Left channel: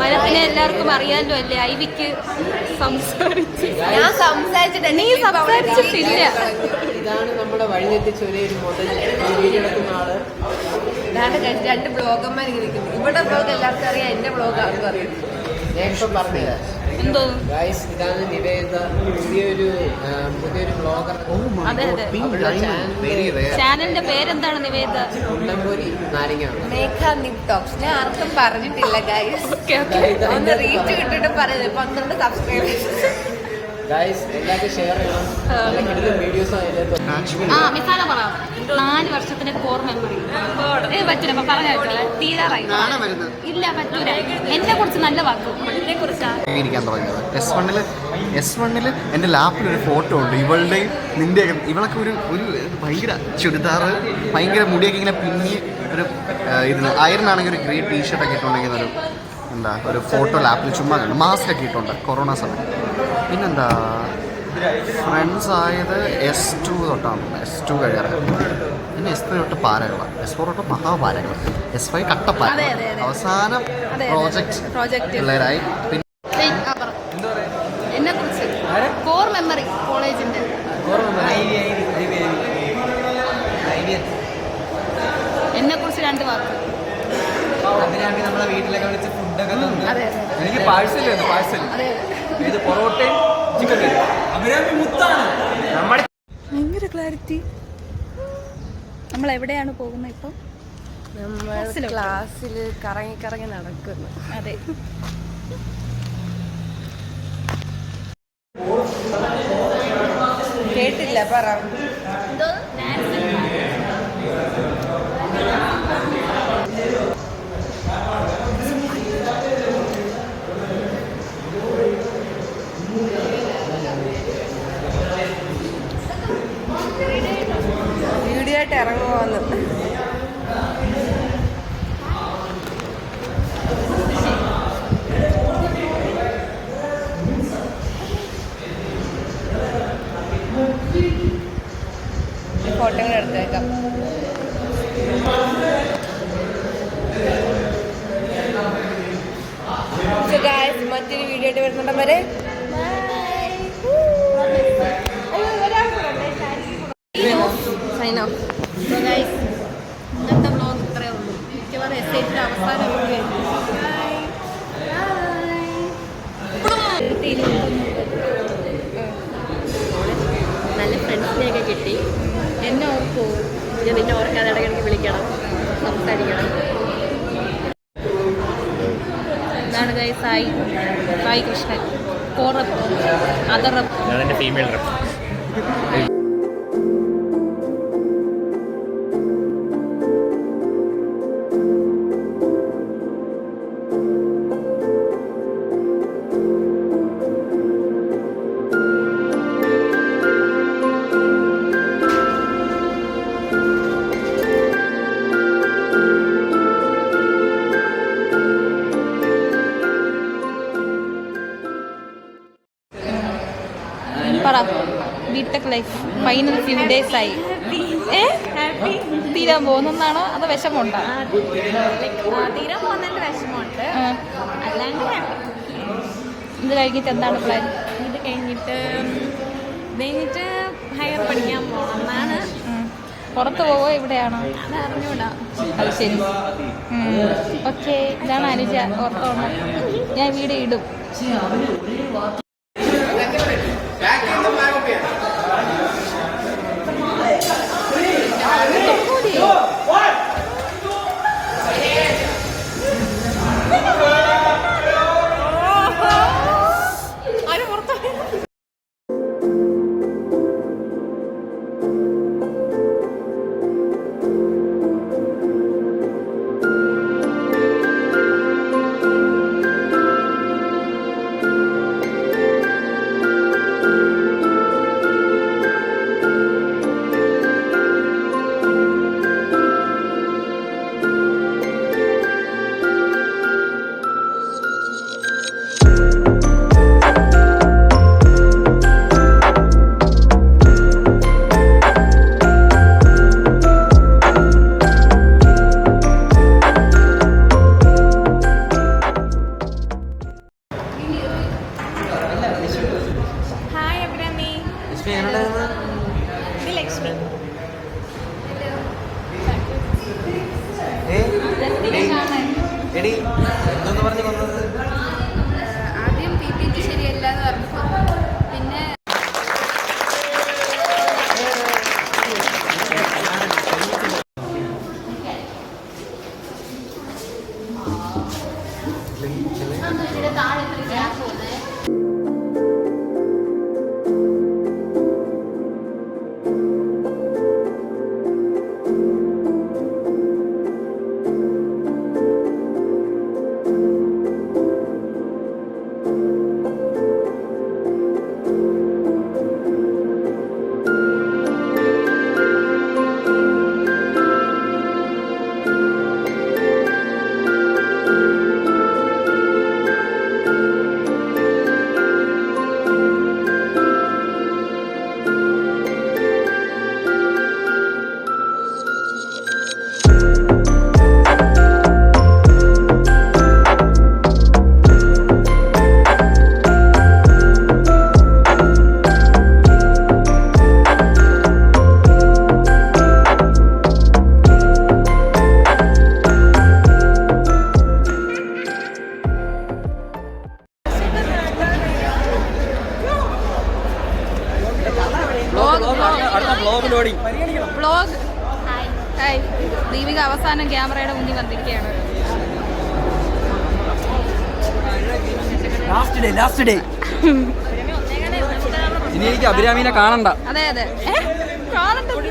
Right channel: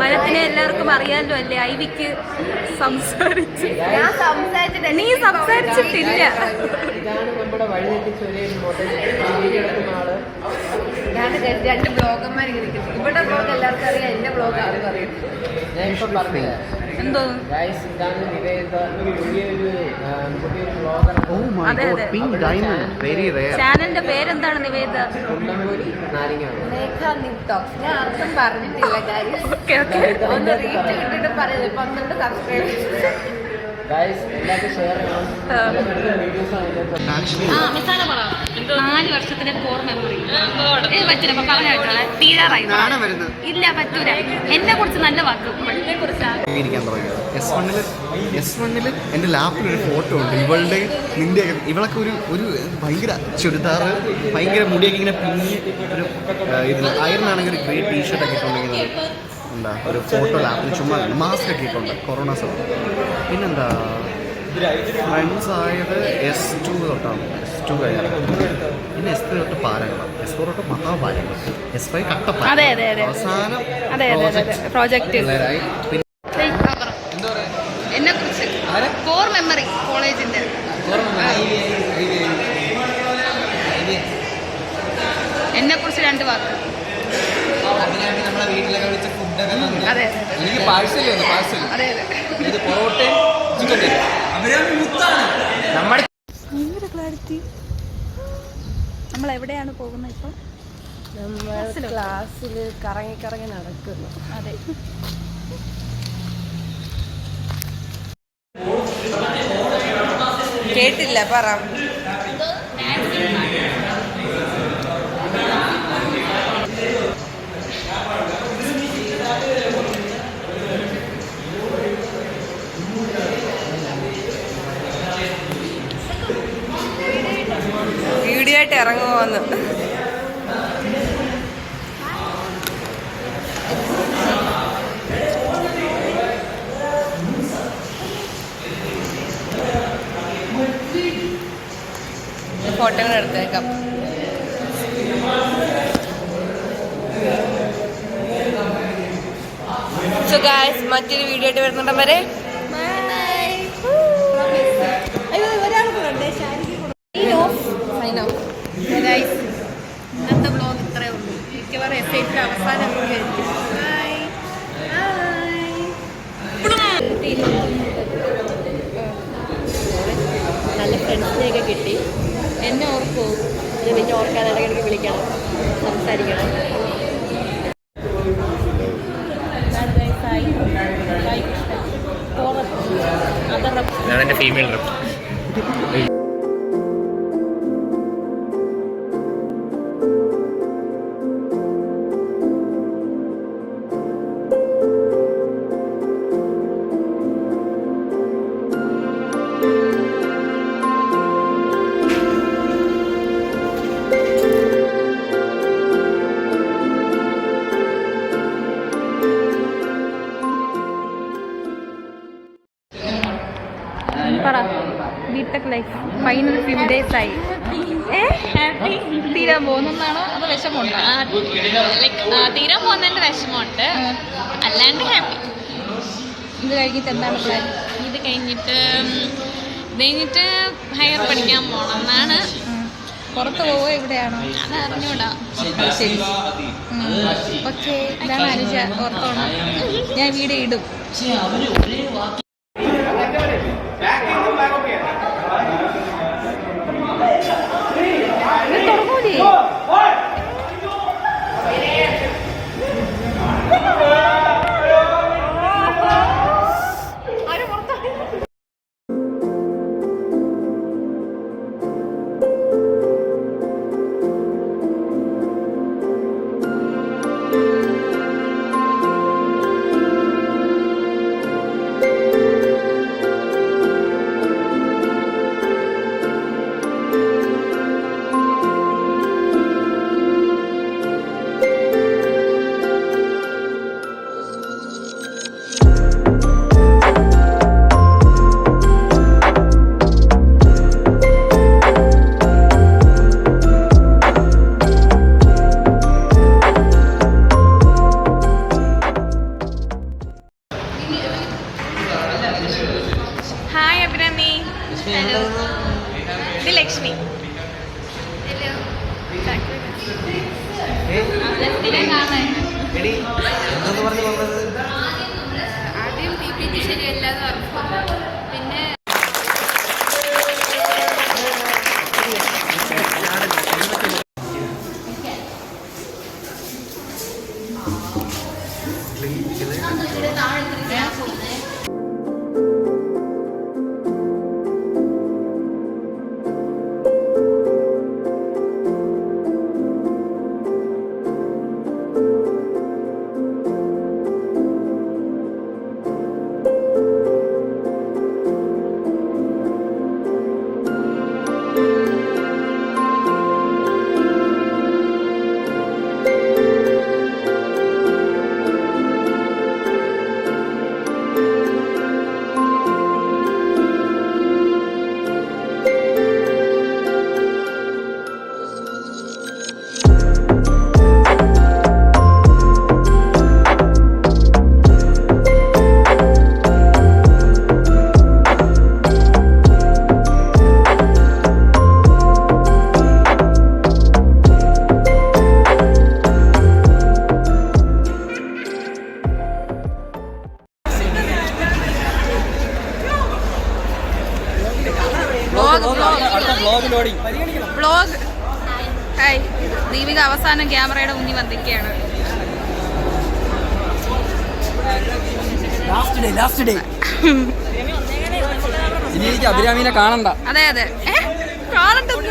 മരത്തിനെ എല്ലാവർക്കും അറിയാലോ അല്ലേ? ഐവിക്ക് സംസാരിച്ചു. നീ സംസാരിച്ചിട്ടില്ല. ഇതാണ് നമ്മുടെ വഴി എത്തിച്ച ഒരു മുതൽ ആള്. രണ്ട് ബ്ലോഗന്മാർ ഇവിടെ ബ്ലോഗ് എല്ലാവർക്കും അറിയാം, എന്റെ ബ്ലോഗ് ആർക്കും അറിയാം. ഞാൻ ഇപ്പൊ പറഞ്ഞത് എന്തോ ഇതാണ് നിവേദ, പുതിയൊരു ബ്ലോഗർ. അതെ അതെ, ചാനലിന്റെ പേരെന്താണ്? നിവേദ നാരങ്ങ മേഘ നിക് ടോക്സ്. ഞാൻ ആർക്കും പറഞ്ഞിട്ടില്ല ഗൈസ്. ഒന്ന് റീച്ച് കിട്ടിട്ട് പറഞ്ഞത് 12 സബ്സ്ക്രൈബേഴ്സ്. എല്ലാവർക്കും ഷെയർ ചെയ്യണം. വീഡിയോസ് 4 വർഷത്തിന്റെ കോർ മെമ്മറി പറ്റില്ല പറഞ്ഞോളെ. തീരാറായി ഇല്ല, പറ്റൂല. എന്നെ കുറിച്ച് നല്ല വാക്ക് എന്നെ കുറിച്ചാണ് തുടങ്ങിയത്. S1 എൻ്റെ ലാപ്പിലൊരു ഫോട്ടോ ഉണ്ട്, ഇവളുടെയും നിൻ്റെയൊക്കെ. ഇവളൊക്കെ ഒരു ഭയങ്കര ചുരിദാറ്, ഭയങ്കര മുടിയൊക്കെ ഇങ്ങനെ പിന്നി ഒരു ഇതിന് അയറിനാണെങ്കിൽ ഒരു ഗ്രേ ടീഷർട്ടൊക്കെ ഇട്ടുണ്ടെങ്കിൽ ഒരു ഫോട്ടോ ലാപ്പിൽ ചുമ്മാ കണ്ടു. മാസ്ക് ഒക്കെ ഇട്ടുണ്ട് കൊറോണ സമയം. പിന്നെന്താ ഫ്രണ്ട്സ് ആയത് S2 തൊട്ടാണ്. S2 കഴിയാറ്. പിന്നെ S3 തൊട്ട് പാരകളാണ്. S4 തൊട്ട് മഹാപാരകൾ. S5 കട്ടപ്പാര. അവസാനം പ്രോജക്റ്റ് പിള്ളേരായി. പിന്നെ എന്നെ കുറിച്ച് കോർ മെമ്മറി കോളേജിന്റെ എന്നെ കുറിച്ച് 2 വാക്ക്. നമ്മളെ വീട്ടിലൊക്കെ വിളിച്ച ഫുഡൊക്കെ അതെ എനിക്ക് പാഴ്സൽ അതെ ഇത് പൊറോട്ടയും ചിക്കൻ കറി. ഭയങ്കര ക്ലാരിറ്റി. നമ്മൾ എവിടെയാണ് പോകുന്നത് ഇപ്പം? നമ്മൾ ക്ലാസ്സിൽ കറങ്ങി നടക്കുന്നു. അതെ, കേട്ടില്ല, പറ. വീഡിയോ ആയിട്ട് ഇറങ്ങുമോന്ന്. ഫോട്ടോകൾ എടുത്തേക്കാം. സോ ഗൈസ്, മറ്റൊരു വീഡിയോ ആയിട്ട് വരുന്നുണ്ടോ വരെ. ഇന്നത്തെ ബ്ലോഗ് ഇത്രയേ ഉള്ളൂ. മിക്കവാറും എസ്റ്റേറ്റിന്റെ അവസാന വീഡിയോ ആയിരിക്കും. നല്ല ഫ്രണ്ട്സിനെയൊക്കെ കിട്ടി. എന്നെ ഓർക്കോ? പിന്നെ ഓർക്കാതെ ഇടയ്ക്കിടയ്ക്ക് വിളിക്കണം, സംസാരിക്കണം. ഇതാണ് സായി കൃഷ്ണൻ. ഞാൻ എൻ്റെ female BTech life final few days ആയി. തീരാൻ പോകുന്നതാണോ അതോ വിഷമമുണ്ടോ? തീരാൻ പോകുന്നതിന്റെ വിഷമമുണ്ട്, അല്ലാണ്ട് ഹാപ്പി. ഇത് കഴിഞ്ഞിട്ട് എന്താണ് പ്ലാൻ? ഇത് കഴിഞ്ഞിട്ട് ഹയർ പഠിക്കാൻ പോകണം എന്നാണ്. പുറത്ത് പോവോ ഇവിടെയാണോ? അത് അറിഞ്ഞൂടാ. അത് ശരി. ഓക്കെ, ഇതാണ് അനുജ. ഓർത്തോണം, ഞാൻ വീഡിയോ ഇടും. തുടങ്ങൂലേ? എടി ആദ്യം PPT ശരിയല്ലാന്ന് പറഞ്ഞു. പിന്നെ വ്ലോഗ്. ഹായ്, ദീപിക അവസാനം ക്യാമറയുടെ മുന്നിൽ വന്നിരിക്കുകയാണ്. ലാസ്റ്റ് ഡേ ഇനി എനിക്ക് അഭിരാമിനെ കാണണ്ട. അതെ കാണണ്ടത്